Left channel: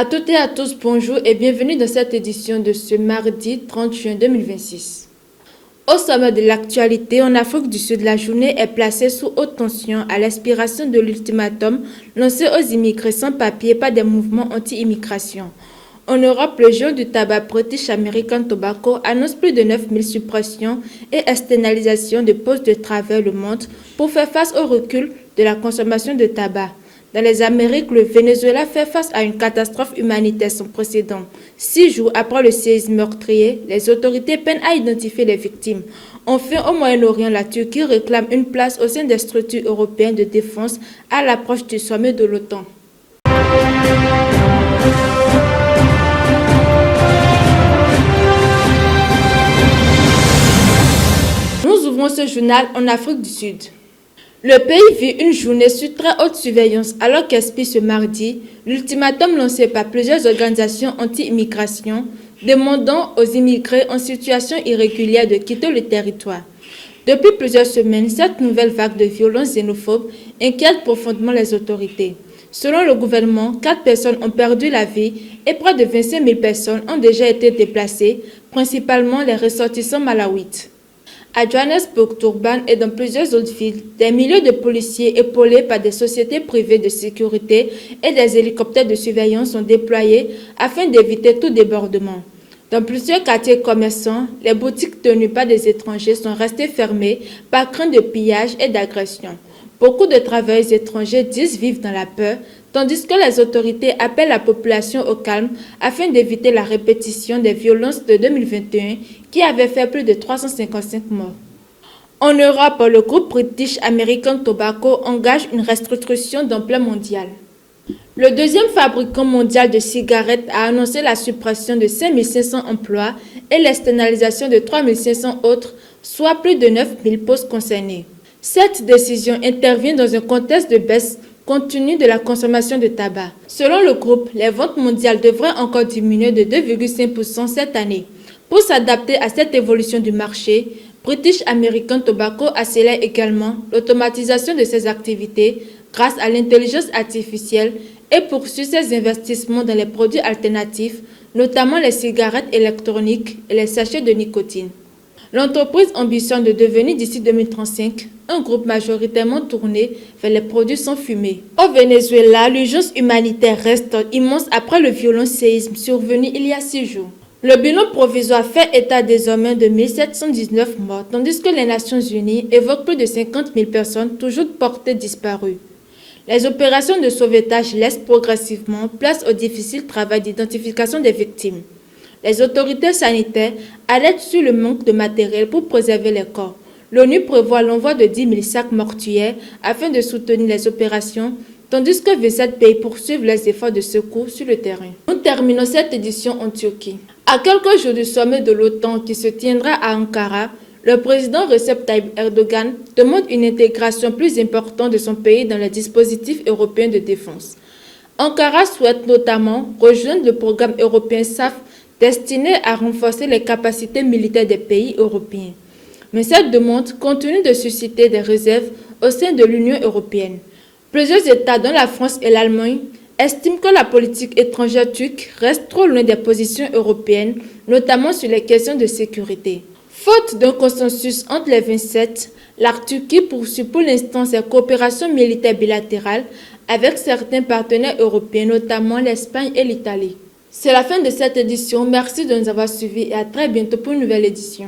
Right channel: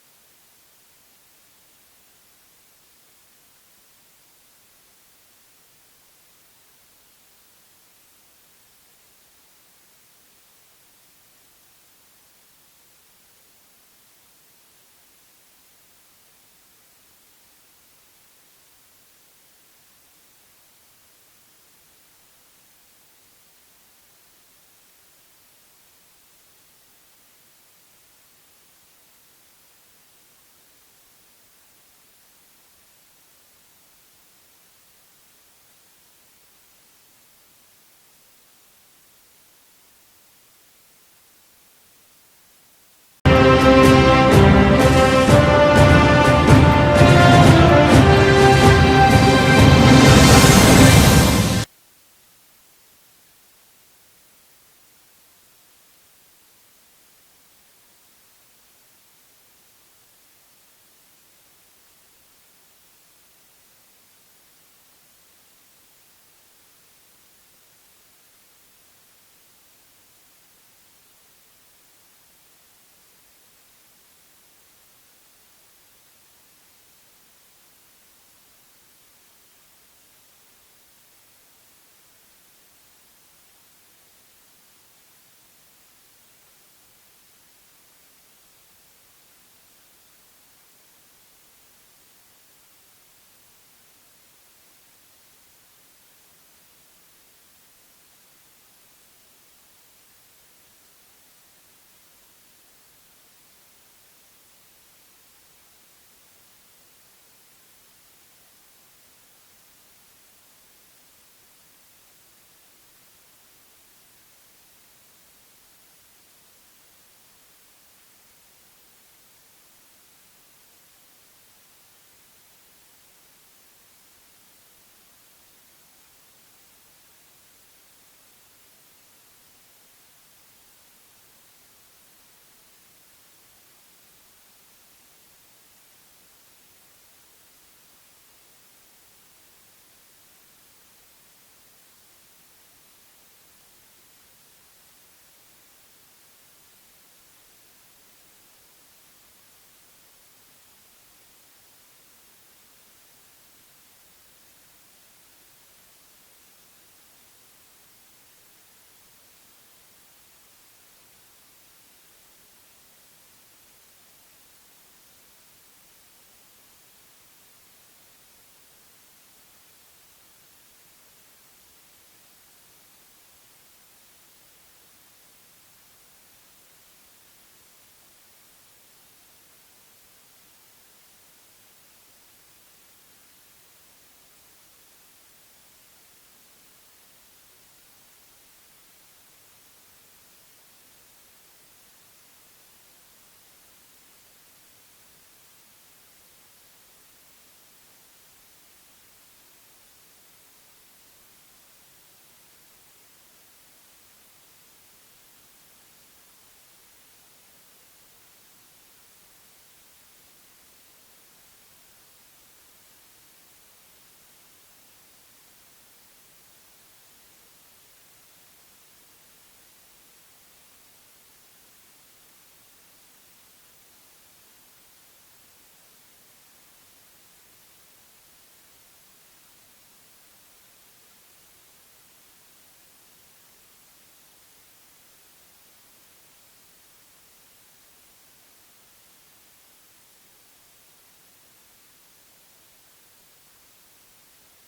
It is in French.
À toutes et à tous, bonjour et bienvenue dans cette édition de ce mardi 30 juin 2026. Au sommet de l'actualité, en Afrique du Sud, la journée est placée sous haute tension à l'expiration de l'ultimatum lancé aux immigrés sans papier par des mouvements anti-immigration. En Europe, le géant du tabac British American Tobacco annonce plus de 9000 suppressions et externalisations de postes de travail le monde pour faire face au recul de la consommation de tabac. Dans les Amériques, le Venezuela fait face à une catastrophe humanitaire sans précédent. 6 jours après le séisme meurtrier, les autorités peinent à identifier les victimes. Enfin, au Moyen-Orient, la Turquie réclame une place au sein des structures européennes de défense à l'approche du sommet de l'OTAN. Nous ouvrons ce journal en Afrique du Sud. Le pays vit une journée sous très haute surveillance alors qu'expire ce mardi l'ultimatum lancé par plusieurs organisations anti-immigration demandant aux immigrés en situation irrégulière de quitter le territoire. Depuis plusieurs semaines, cette nouvelle vague de violence xénophobe inquiète profondément les autorités. Selon le gouvernement, 4 personnes ont perdu la vie et près de 25 000 personnes ont déjà été déplacées, principalement les ressortissants malawites. À Johannesburg, Durban et dans plusieurs autres villes, des milliers de policiers épaulés par des sociétés privées de sécurité et des hélicoptères de surveillance sont déployés afin d'éviter tout débordement. Dans plusieurs quartiers commerçants, les boutiques tenues par des étrangers sont restées fermées par crainte de pillage et d'agression. Beaucoup de travailleurs étrangers disent vivre dans la peur, tandis que les autorités appellent la population au calme afin d'éviter la répétition des violences de 2021 qui avaient fait plus de 355 morts. En Europe, le groupe British American Tobacco engage une restriction d'ampleur mondiale. Le deuxième fabricant mondial de cigarettes a annoncé la suppression de 5500 emplois et l'externalisation de 3500 autres, soit plus de 9000 postes concernés. Cette décision intervient dans un contexte de baisse continue de la consommation de tabac. Selon le groupe, les ventes mondiales devraient encore diminuer de 2,5% cette année. Pour s'adapter à cette évolution du marché, British American Tobacco accélère également l'automatisation de ses activités grâce à l'intelligence artificielle et poursuit ses investissements dans les produits alternatifs, notamment les cigarettes électroniques et les sachets de nicotine. L'entreprise ambitionne de devenir d'ici 2035 un groupe majoritairement tourné vers les produits sans fumée. Au Venezuela, l'urgence humanitaire reste immense après le violent séisme survenu il y a 6 jours. Le bilan provisoire fait état désormais de 1719 morts, tandis que les Nations Unies évoquent plus de 50 000 personnes toujours portées disparues. Les opérations de sauvetage laissent progressivement place au difficile travail d'identification des victimes. Les autorités sanitaires alertent sur le manque de matériel pour préserver les corps. L'ONU prévoit l'envoi de 10 000 sacs mortuaires afin de soutenir les opérations, tandis que 27 pays poursuivent les efforts de secours sur le terrain. Nous terminons cette édition en Turquie. À quelques jours du sommet de l'OTAN qui se tiendra à Ankara, le président Recep Tayyip Erdogan demande une intégration plus importante de son pays dans les dispositifs européens de défense. Ankara souhaite notamment rejoindre le programme européen SAF destiné à renforcer les capacités militaires des pays européens. Mais cette demande continue de susciter des réserves au sein de l'Union européenne. Plusieurs États, dont la France et l'Allemagne, estiment que la politique étrangère turque reste trop loin des positions européennes, notamment sur les questions de sécurité. Faute d'un consensus entre les 27, la Turquie poursuit pour l'instant ses coopérations militaires bilatérales avec certains partenaires européens, notamment l'Espagne et l'Italie. C'est la fin de cette édition. Merci de nous avoir suivis et à très bientôt pour une nouvelle édition.